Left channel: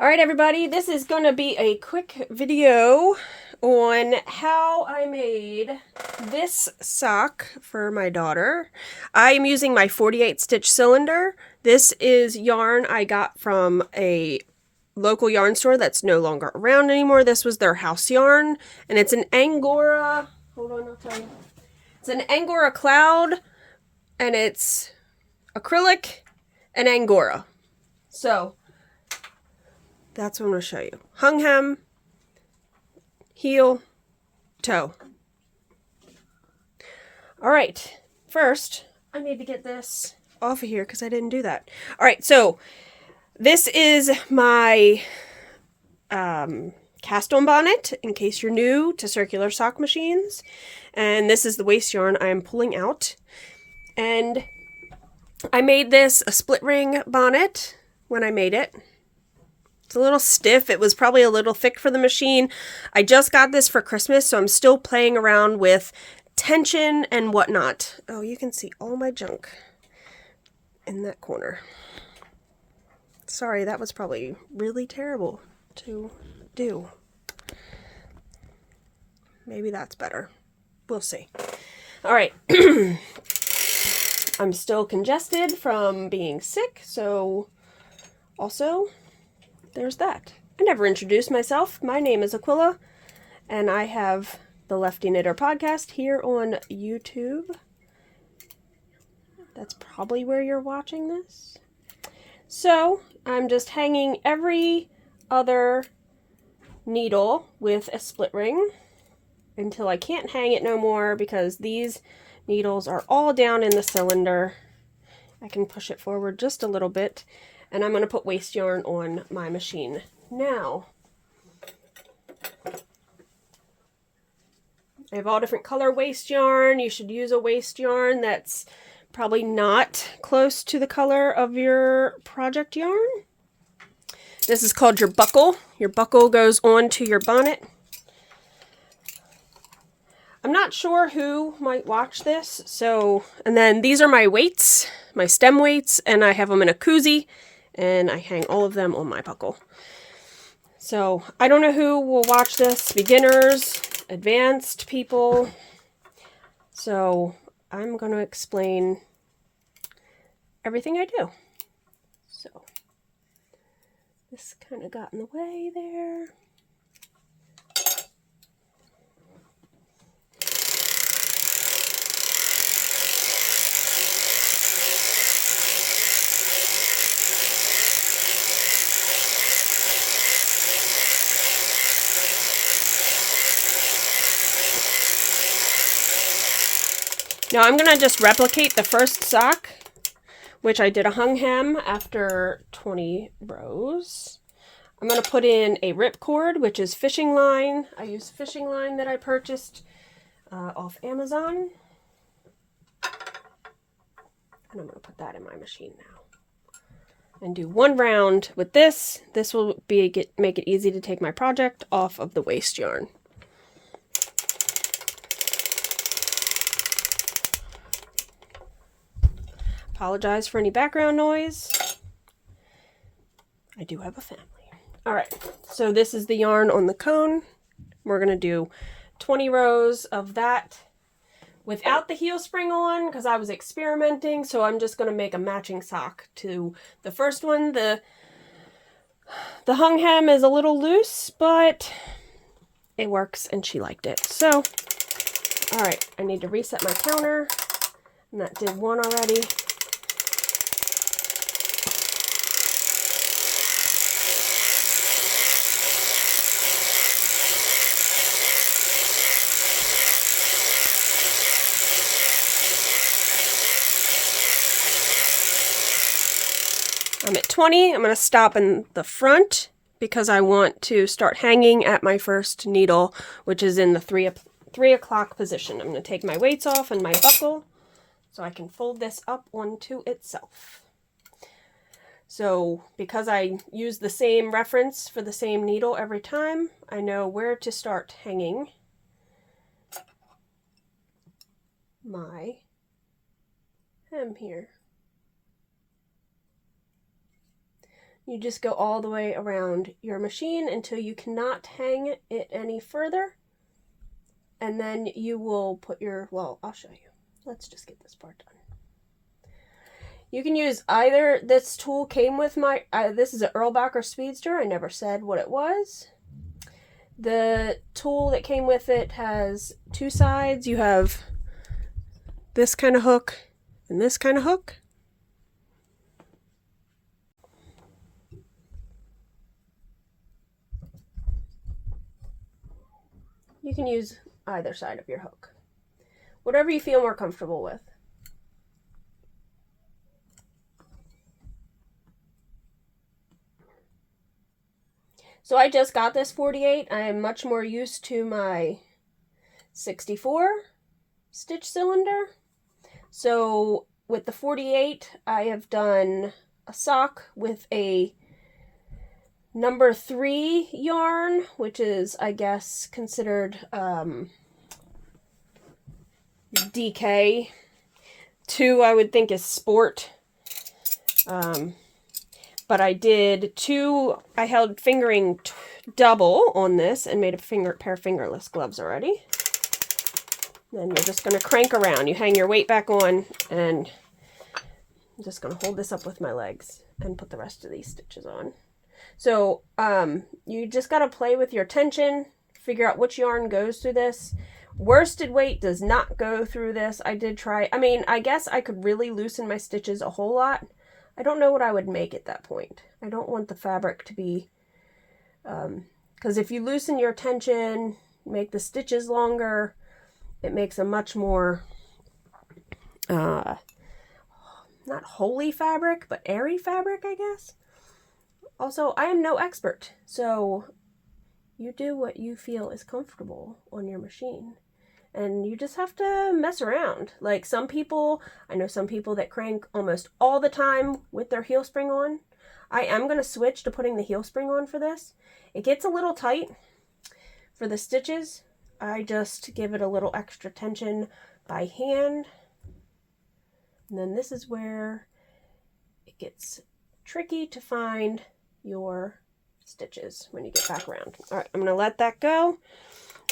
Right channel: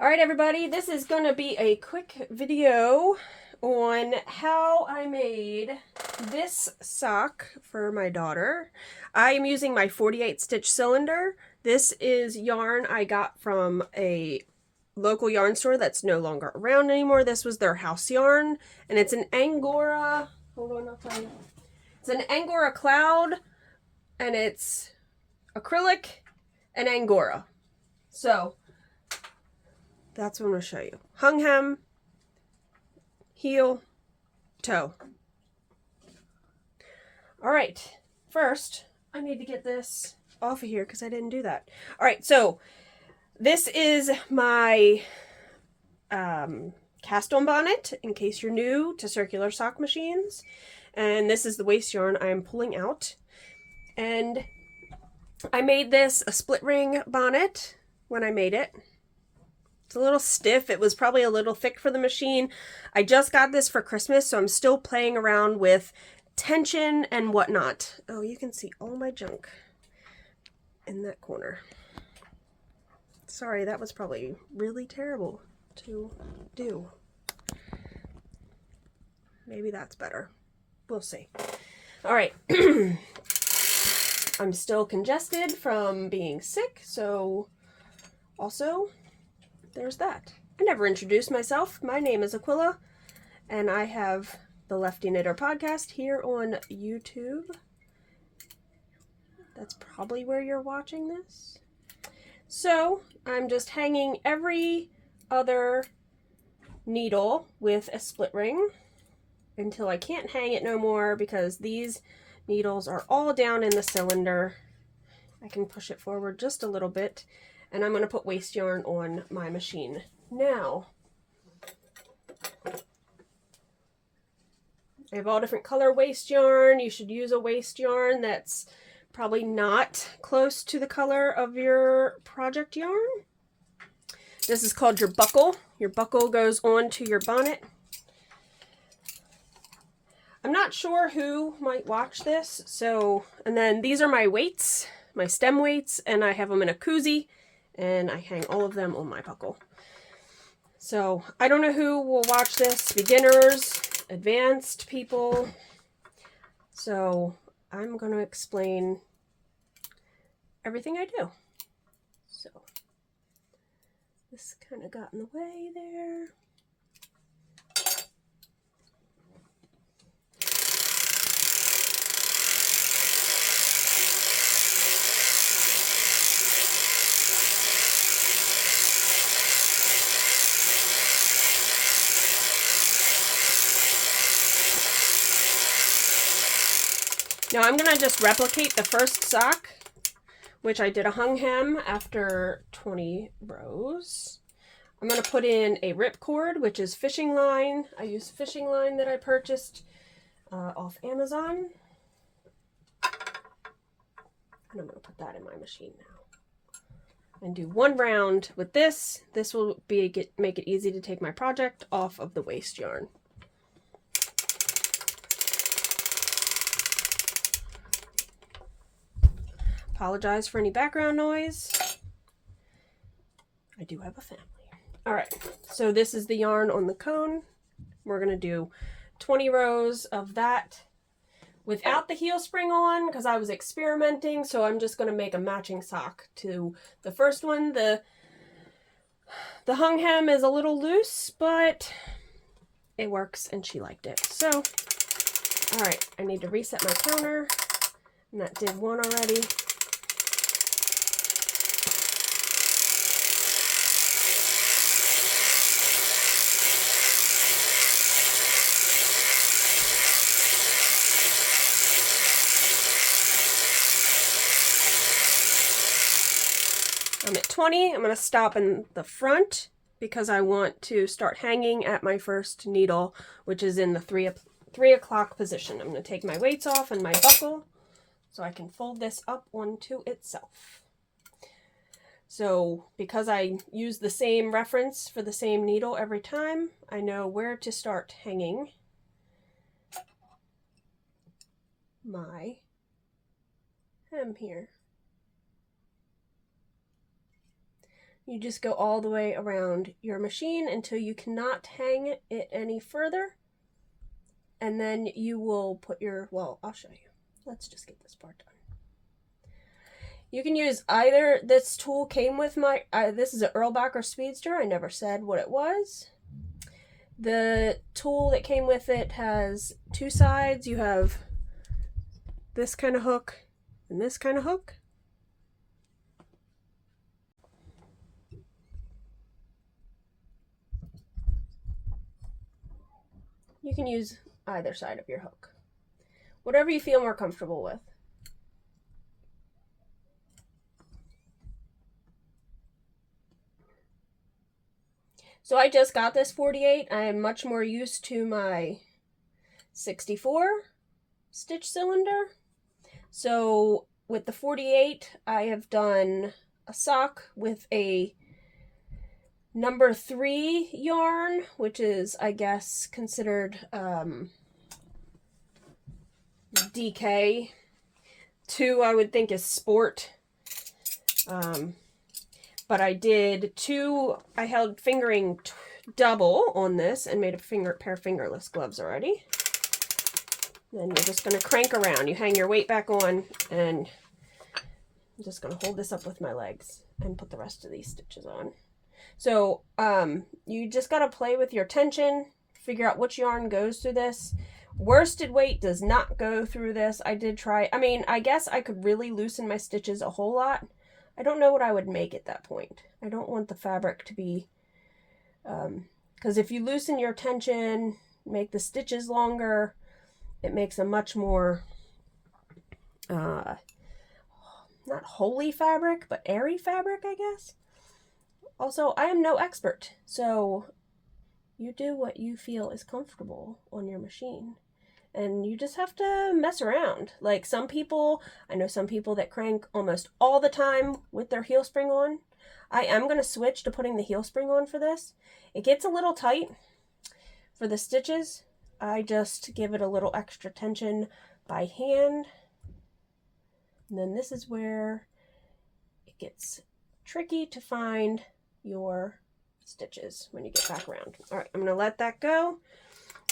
All right, everybody, this is going to be a quick video on how I made this sock for my daughter. I am using my 48 stitch cylinder. This is yarn I got from a local yarn store that's no longer around anymore. This was their house yarn, and it's an Angora, hold on, I'll tell you. It's an Angora cloud, and it's acrylic and Angora. So that's what I'm going to show you. Hung hem, heel, toe. All right, first I need to get this off of here because I didn't do that. All right, so this is my cast on bonnet in case you're new to circular sock machines. And this is the waste yarn I am pulling out. And I made this a split ring bonnet when I made it. It's a little stiff. It was probably a little thick for the machine. I just got this for Christmas, so I'm still playing around with tension and whatnot. Oh, you can see all my junk in that corner. Sorry, that was probably really terrible to do. Maybe that's better. We'll see. All right. I'm still congested from being sick, so also there's that. I never introduced myself. My name is Aquila, and I have the Lefty Knitter podcast here on YouTube. That's probably where you're watching this. So I'm just hanging every other needle with a split ring until I can't hang it no more because these needles are all down in the cylinder. I can push it forward just a little bit, and I'm going to put waste yarn on my machine now. I have all different color waste yarn. You should use a waste yarn that's probably not close to the color of your project yarn. This is called your buckle. Your buckle goes onto your bonnet. I'm not sure who might watch this, so, and then these are my weights, my stem weights, and I have them in a koozie, and I hang all of them on my buckle. So, I don't know who will watch this, beginners, advanced people, so I'm going to explain everything I do. So, this kind of got in the way there. Now I'm going to just replicate the first sock, which I did a hung hem after 20 rows. I'm going to put in a ripcord, which is fishing line. I use fishing line that I purchased off Amazon. And I'm going to put that in my machine now. And do one round with this. This will make it easy to take my project off of the waste yarn. Apologize for any background noise. I do have a family. All right, so this is the yarn on the cone. We're going to do 20 rows of that without the heel spring on because I was experimenting, so I'm just going to make a matching sock to the first one. The hung hem is a little loose, but it works and she liked it. So, all right, I need to reset my counter, and that did one already. I'm at 20. I'm going to stop in the front because I want to start hanging at my first needle, which is in the 3 o'clock position. I'm going to take my weights off and my buckle so I can fold this up onto itself. So because I use the same reference for the same needle every time, I know where to start hanging my hem here. You just go all the way around your machine until you cannot hang it any further. And then you will put your, well, I'll show you. Let's just get this part done. You can use either, this tool came with my, this is an Erlbacher Speedster. I never said what it was. The tool that came with it has two sides. You have this kind of hook and this kind of hook. You can use either side of your hook, whatever you feel more comfortable with. So I just got this 48. I am much more used to my 64 stitch cylinder. So with the 48, I have done a sock with a number 3 yarn, which is, I guess, considered DK. 2, I would think, is sport. But I did 2, I held fingering double on this and made a pair of fingerless gloves already. Then you're just going to crank around. You hang your weight back on, and I'm just going to hold this up with my legs and put the rest of these stitches on. So you just got to play with your tension, figure out which yarn goes through this. Worsted weight does not go through this. I did try, I mean, I guess I could really loosen my stitches a whole lot. I don't know what I would make at that point. I don't want the fabric to be, because if you loosen your tension, make the stitches longer, it makes a much more, not holy fabric, but airy fabric, I guess. Also, I am no expert, so you do what you feel is comfortable on your machine. And you just have to mess around. Like some people, I know some people that crank almost all the time with their heel spring on. I am going to switch to putting the heel spring on for this. It gets a little tight for the stitches. I just give it a little extra tension by hand. And then this is where it gets tricky to find your stitches when you get back around. All right, I'm going to let that go.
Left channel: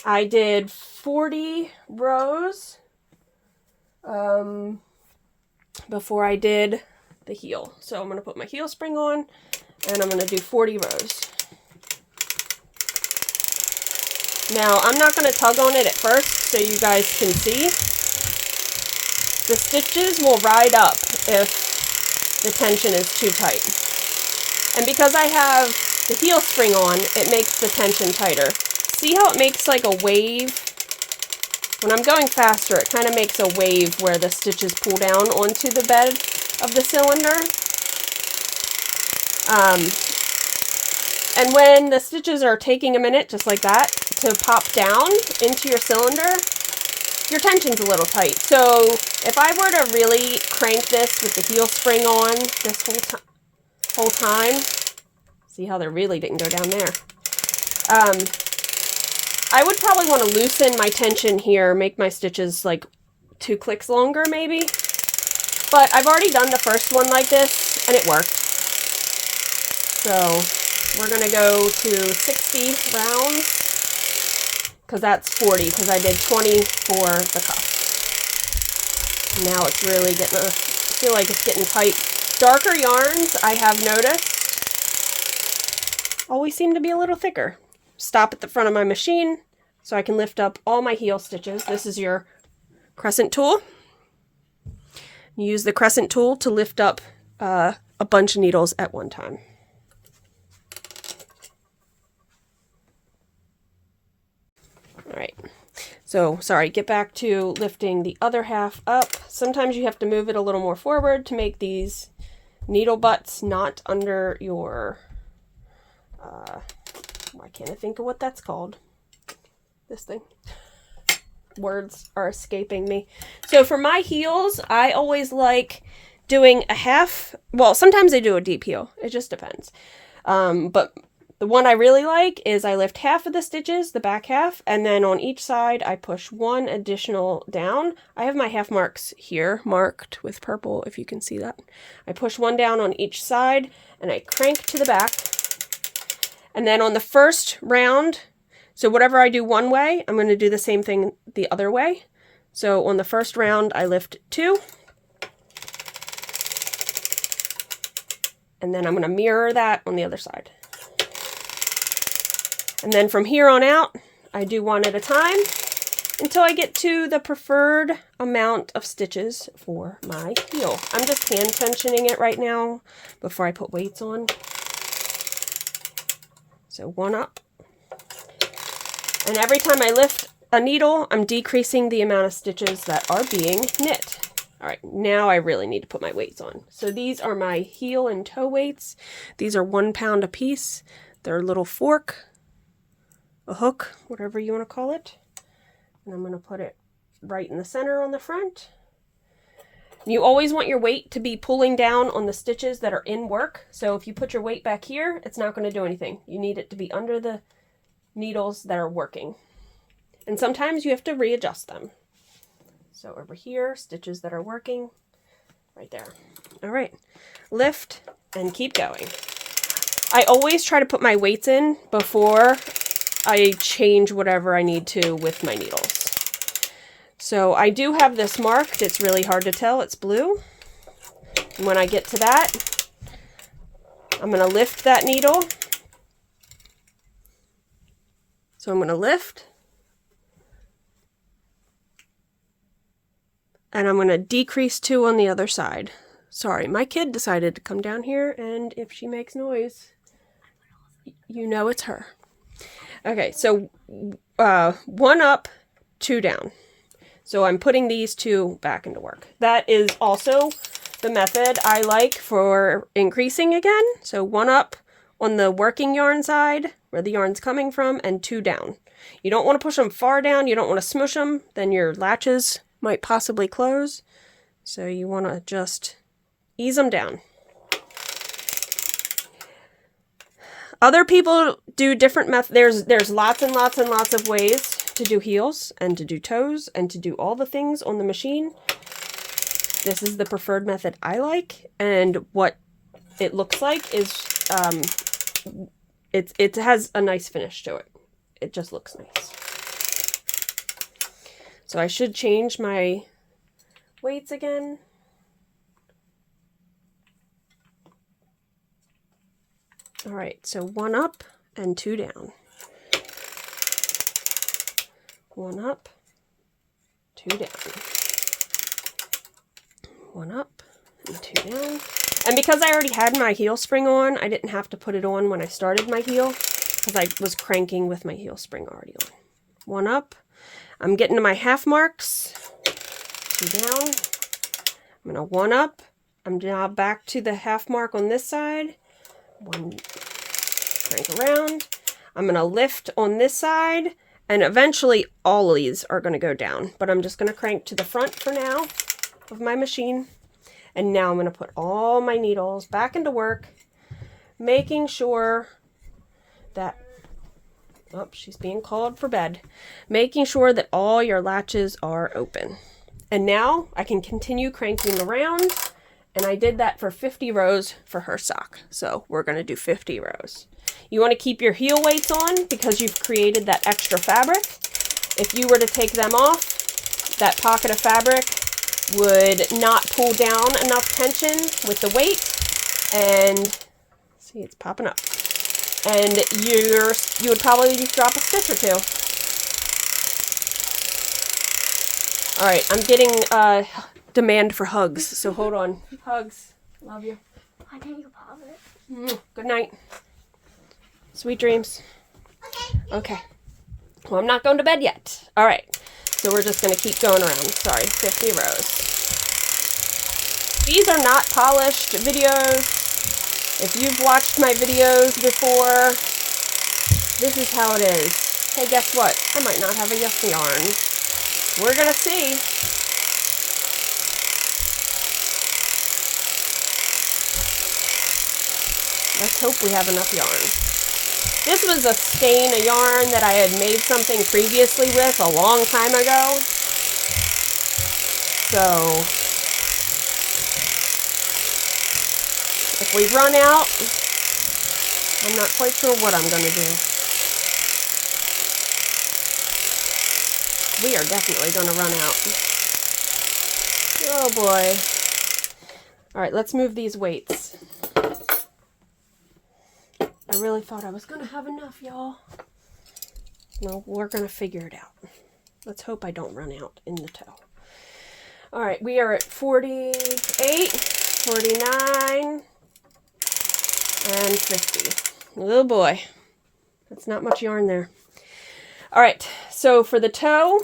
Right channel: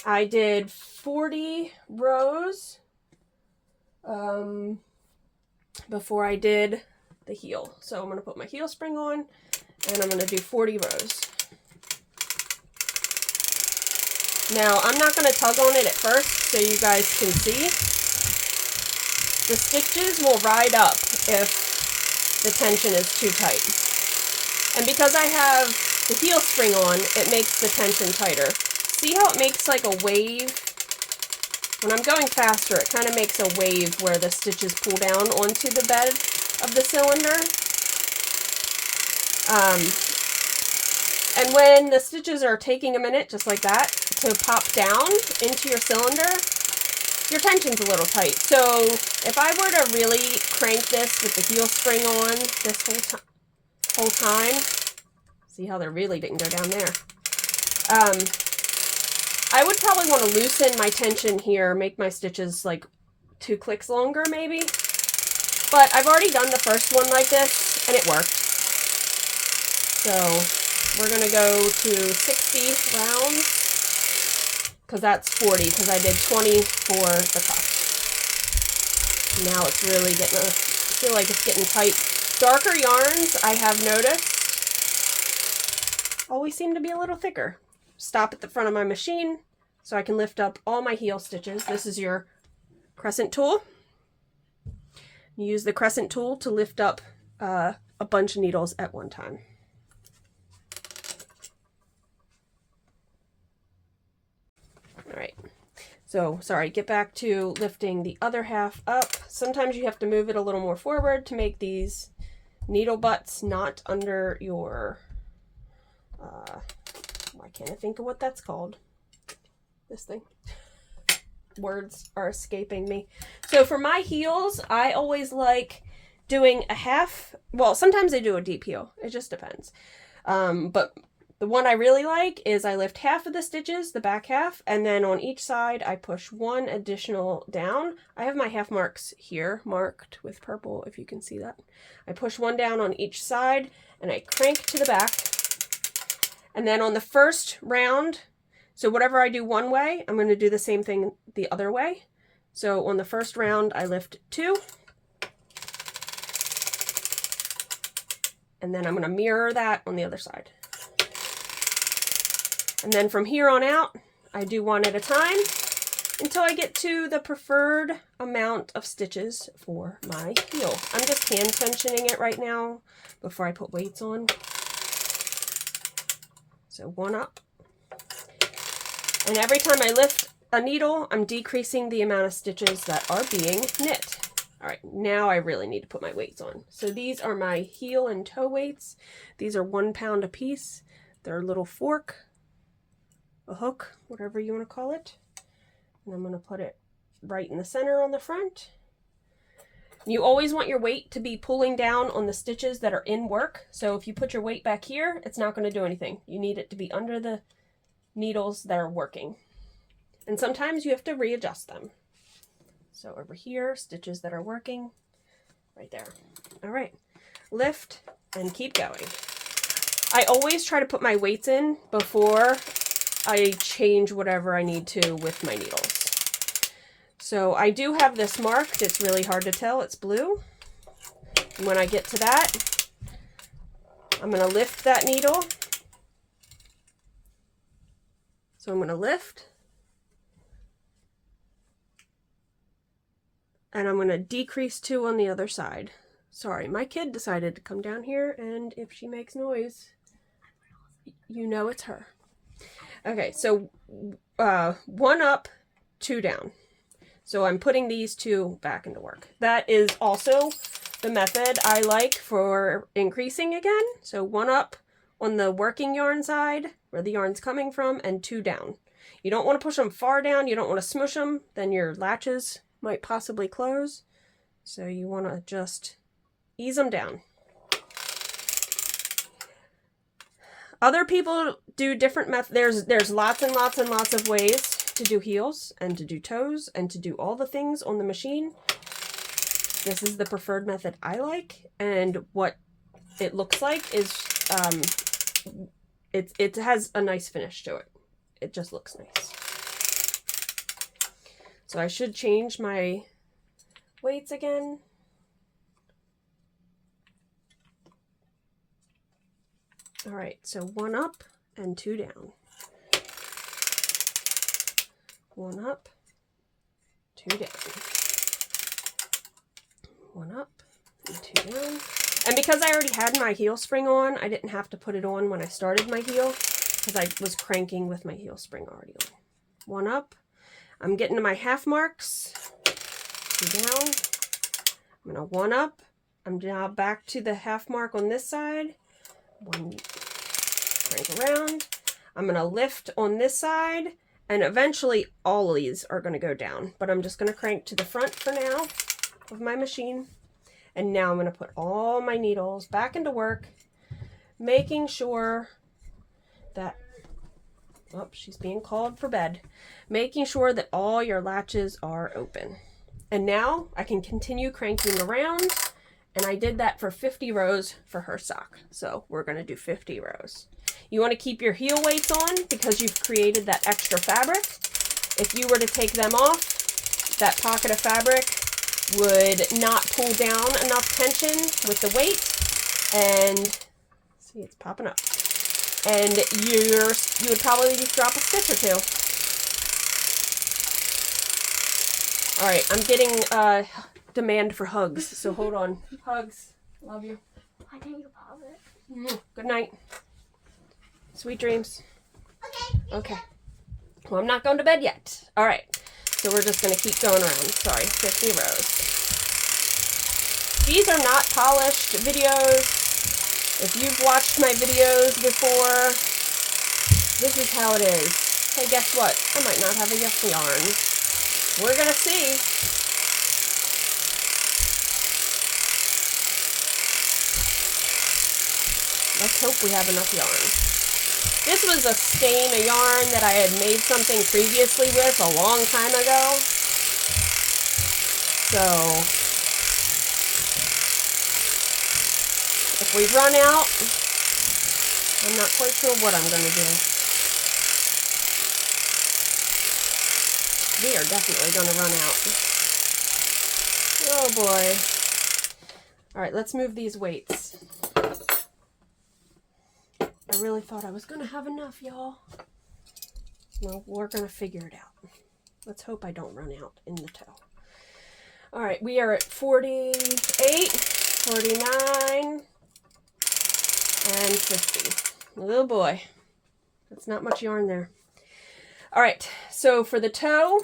I did 40 rows before I did the heel. So I'm going to put my heel spring on, and I'm going to do 40 rows. Now, I'm not going to tug on it at first so you guys can see. The stitches will ride up if the tension is too tight. And because I have the heel spring on, it makes the tension tighter. See how it makes like a wave? When I'm going faster, it kind of makes a wave where the stitches pull down onto the bed of the cylinder. And when the stitches are taking a minute, just like that, to pop down into your cylinder, your tension's a little tight. So if I were to really crank this with the heel spring on this whole time, see how they really didn't go down there. I would probably want to loosen my tension here, make my stitches like 2 clicks longer maybe. But I've already done the first one like this and it worked. So we're going to go to 60 rounds because that's 40 because I did 20 for the cuff. Now it's really getting, I feel like it's getting tight. Darker yarns, I have noticed, always seem to be a little thicker. Stop at the front of my machine so I can lift up all my heel stitches. This is your crescent tool. You use the crescent tool to lift up a bunch of needles at one time. All right, so sorry, get back to lifting the other half up. Sometimes you have to move it a little more forward to make these needle butts not under your why can't I think of what that's called? This thing. Words are escaping me. So for my heels, I always like doing a half, well, sometimes I do a deep heel. It just depends. But The one I really like is I lift half of the stitches, the back half, and then on each side I push one additional down. I have my half marks here marked with purple, if you can see that. I push one down on each side and I crank to the back. And then on the first round, so whatever I do one way, I'm going to do the same thing the other way. So on the first round, I lift 2. And then I'm going to mirror that on the other side. And then from here on out, I do one at a time until I get to the preferred amount of stitches for my heel. I'm just hand tensioning it right now before I put weights on. So one up. And every time I lift a needle, I'm decreasing the amount of stitches that are being knit. All right, now I really need to put my weights on. So these are my heel and toe weights. These are 1 pound a piece. They're a little fork, a hook, whatever you want to call it. And I'm going to put it right in the center on the front. You always want your weight to be pulling down on the stitches that are in work. So if you put your weight back here, it's not going to do anything. You need it to be under the needles that are working. And sometimes you have to readjust them. So over here, stitches that are working, right there. All right, lift and keep going. I always try to put my weights in before I change whatever I need to with my needles. So I do have this marked. It's really hard to tell. It's blue. And when I get to that, I'm going to lift that needle. So I'm going to lift. And I'm going to decrease 2 on the other side. Sorry, my kid decided to come down here, and if she makes noise, you know it's her. Okay, so 1 up, 2 down. So I'm putting these 2 back into work. That is also the method I like for increasing again. So 1 up on the working yarn side, where the yarn's coming from, and 2 down. You don't want to push them far down. You don't want to smush them. Then your latches might possibly close. So you want to just ease them down. Other people do different methods. There's lots and lots and lots of ways to do heels and to do toes and to do all the things on the machine. This is the preferred method I like, and what it looks like is it has a nice finish to it. It just looks nice. So I should change my weights again. All right, so 1 up and 2 down. 1 up, 2 down. 1 up and 2 down. And because I already had my heel spring on, I didn't have to put it on when I started my heel, because I was cranking with my heel spring already on. 1 up. I'm getting to my half marks. 2 down. I'm going to 1 up. I'm now back to the half mark on this side. 1, crank around. I'm going to lift on this side, and eventually all of these are going to go down. But I'm just going to crank to the front for now of my machine. And now I'm going to put all my needles back into work, making sure that oh, she's being called for bed. Making sure that all your latches are open. And now I can continue cranking around. And I did that for 50 rows for her sock. So we're going to do 50 rows. You want to keep your heel weights on because you've created that extra fabric. If you were to take them off, that pocket of fabric would not pull down enough tension with the weight. And see, it's popping up. And you would probably just drop a stitch or 2. All right, I'm getting demand for hugs, so hold on. Hugs. Love you. Why didn't you pause it? Good night. Sweet dreams. Okay. Well, I'm not going to bed yet. All right. So we're just going to keep going around. Sorry, 50 rows. These are not polished videos. If you've watched my videos before, this is how it is. Hey, guess what? I might not have enough yarn. We're going to see. Let's hope we have enough yarn. This was a skein of yarn that I had made something previously with a long time ago. So if we run out, I'm not quite sure what I'm going to do. We are definitely going to run out. Oh boy. All right, let's move these weights. I really thought I was going to have enough, y'all. No, we're going to figure it out. Let's hope I don't run out in the toe. All right, we are at 48, 49, and 50. Oh boy, that's not much yarn there. All right, so for the toe,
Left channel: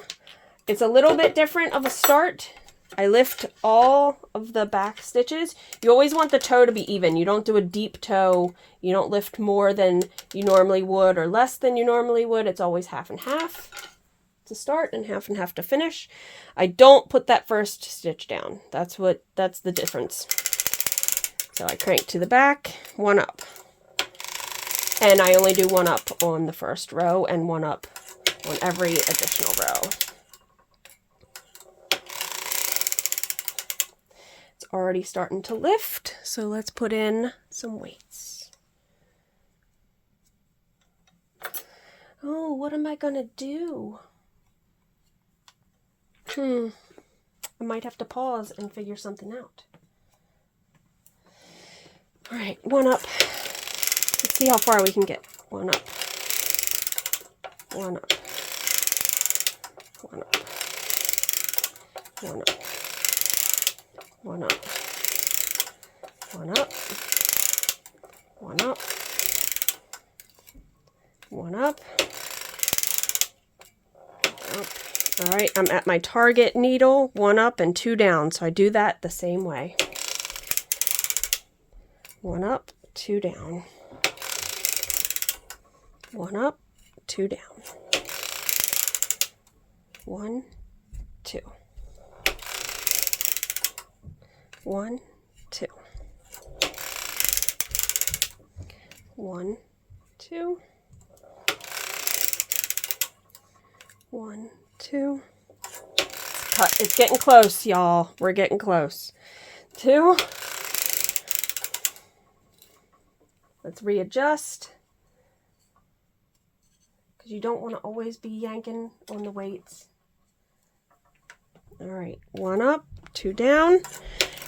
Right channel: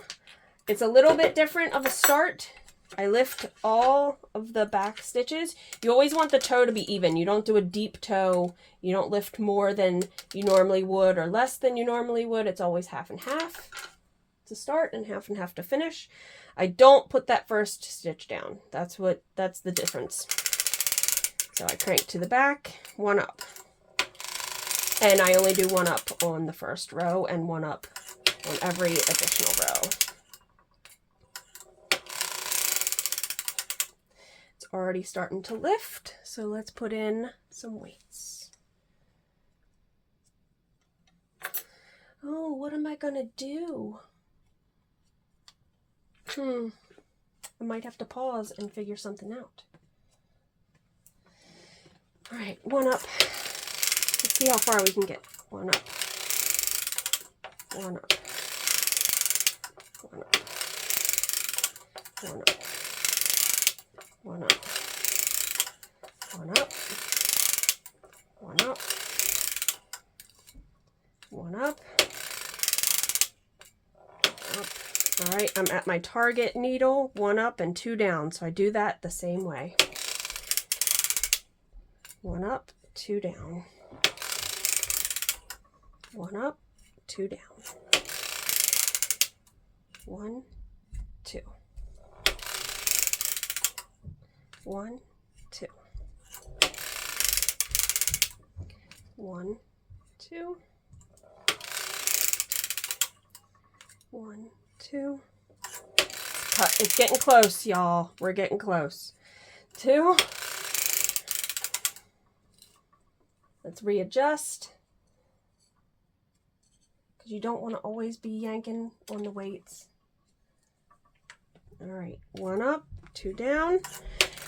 it's a little bit different of a start. I lift all of the back stitches. You always want the toe to be even. You don't do a deep toe. You don't lift more than you normally would or less than you normally would. It's always half and half to start and half to finish. I don't put that first stitch down. That's the difference. So I crank to the back, one up. And I only do one up on the first row and one up on every additional row. It's already starting to lift, so let's put in some weights. Oh, what am I gonna do? I might have to pause and figure something out. All right, one up. Let's see how far we can get. One up. One up. One up. One up. One up. One up. One up. One up. All right, I'm at my target needle, one up and two down, so I do that the same way. One up, two down. One up, two down. One, two. One, two. One, two. One, two. Cut. It's getting close, y'all. We're getting close. Two. Let's readjust. Because you don't want to always be yanking on the weights. All right. One up, two down.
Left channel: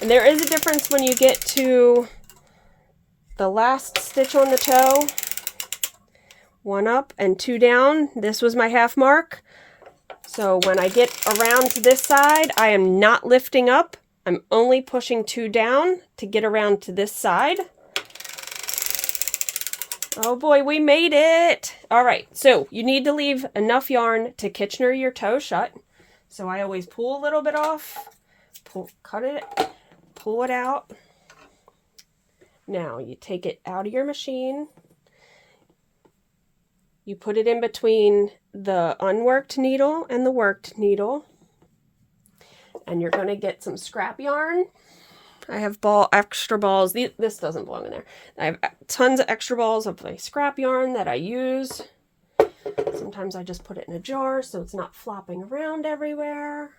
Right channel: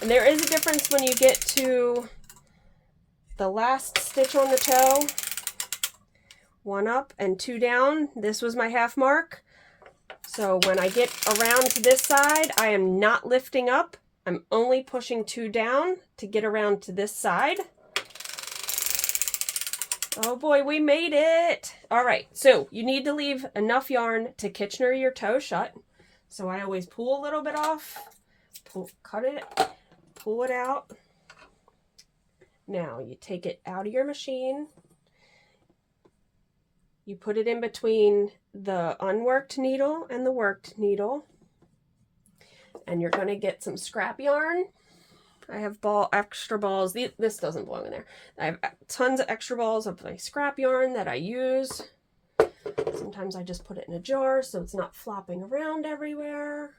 And there is a difference when you get to the last stitch on the toe. One up and two down. This was my half mark. So when I get around to this side, I am not lifting up. I'm only pushing two down to get around to this side. Oh boy, we made it. All right, so you need to leave enough yarn to Kitchener your toe shut. So I always pull a little bit off, cut it, pull it out. Now you take it out of your machine. You put it in between the unworked needle and the worked needle. And you're going to get some scrap yarn. I have extra balls. This doesn't belong in there. I have tons of extra balls of my scrap yarn that I use. Sometimes I just put it in a jar so it's not flopping around everywhere.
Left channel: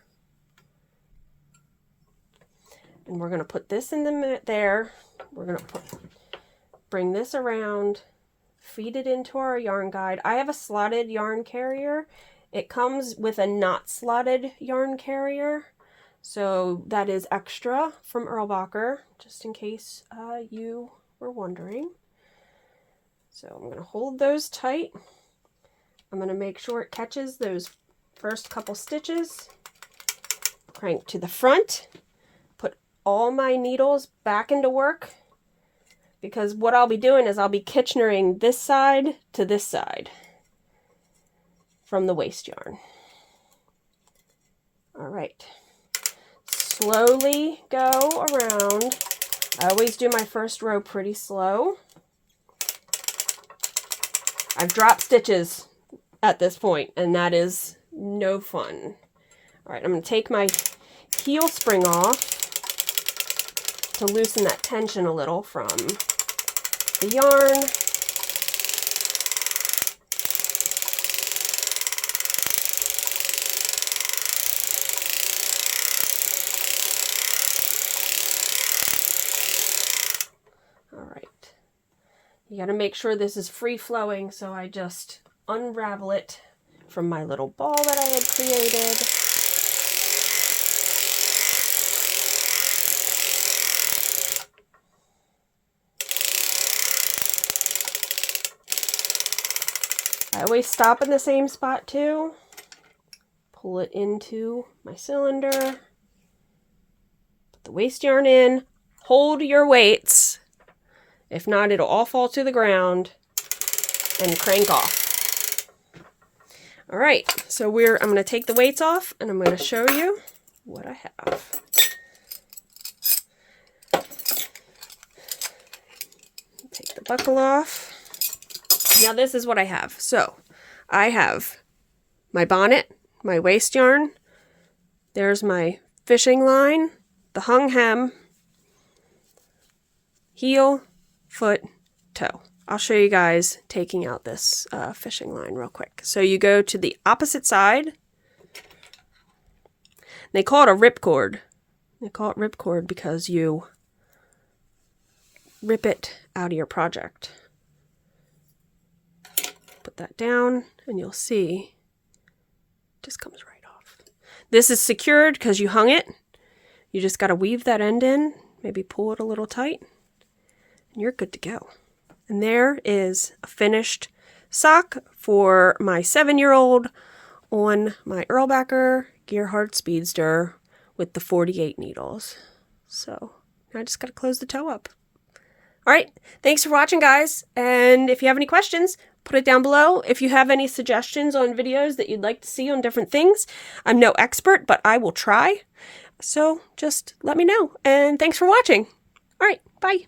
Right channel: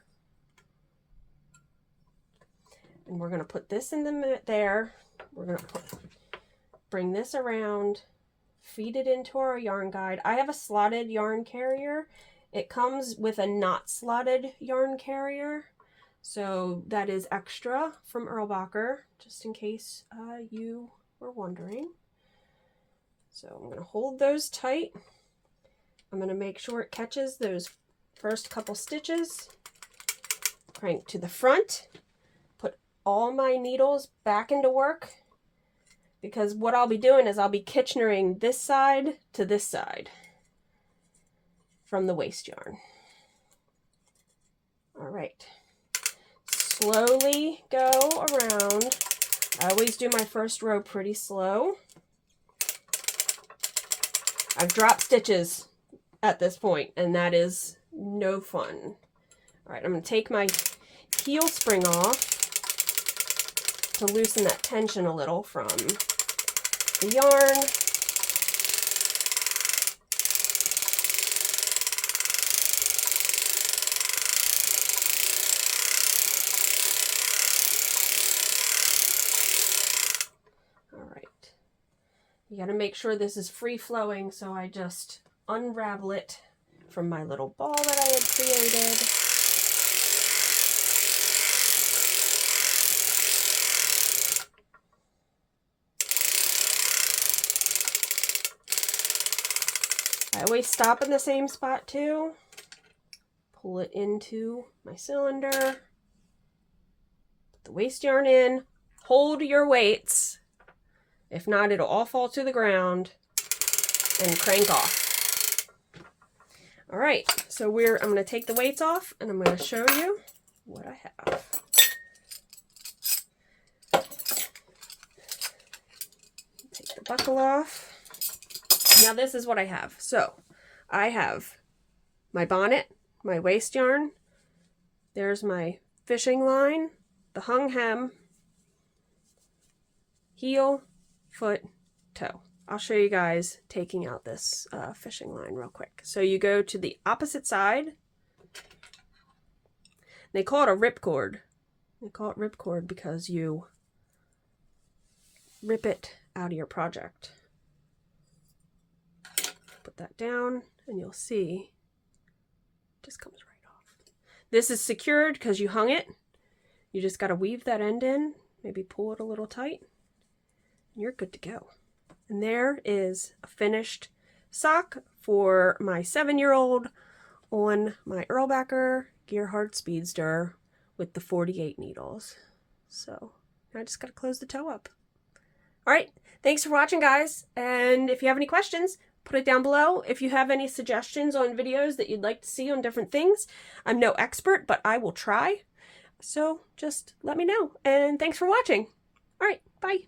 And we're going to put this in there. We're going to bring this around. Feed it into our yarn guide. I have a slotted yarn carrier. It comes with a not slotted yarn carrier. So that is extra from Erlbacher, just in case you were wondering. So I'm going to hold those tight. I'm going to make sure it catches those first couple stitches. Crank to the front. Put all my needles back into work. Because what I'll be doing is I'll be Kitchenering this side to this side from the waste yarn. All right. Slowly go around. I always do my first row pretty slow. I've dropped stitches at this point, and that is no fun. All right, I'm going to take my heel spring off to loosen that tension a little from the yarn. You gotta make sure this is free flowing, so I just unravel it from my little ball that I had created. I always stop in the same spot too. Pull it into my cylinder. Put the waste yarn in. Hold your weights. If not, it'll all fall to the ground. And crank off. All right, so I'm going to take the weights off and I'm going to show you what I have. Take the buckle off. Now this is what I have. So I have my bonnet, my waste yarn. There's my fishing line, the hung hem, heel, foot, toe. I'll show you guys taking out this fishing line real quick. So you go to the opposite side. They call it a ripcord. They call it ripcord because you rip it out of your project. Put that down and you'll see it just comes right off. This is secured because you hung it. You just got to weave that end in, maybe pull it a little tight, and you're good to go. And there is a finished sock for my 7-year-old on my Erlbacher Speedster with the 48 needles. So now I just got to close the toe up. All right, thanks for watching, guys. And if you have any questions, put it down below. If you have any suggestions on videos that you'd like to see on different things, I'm no expert, but I will try. So just let me know. And thanks for watching. All right, bye.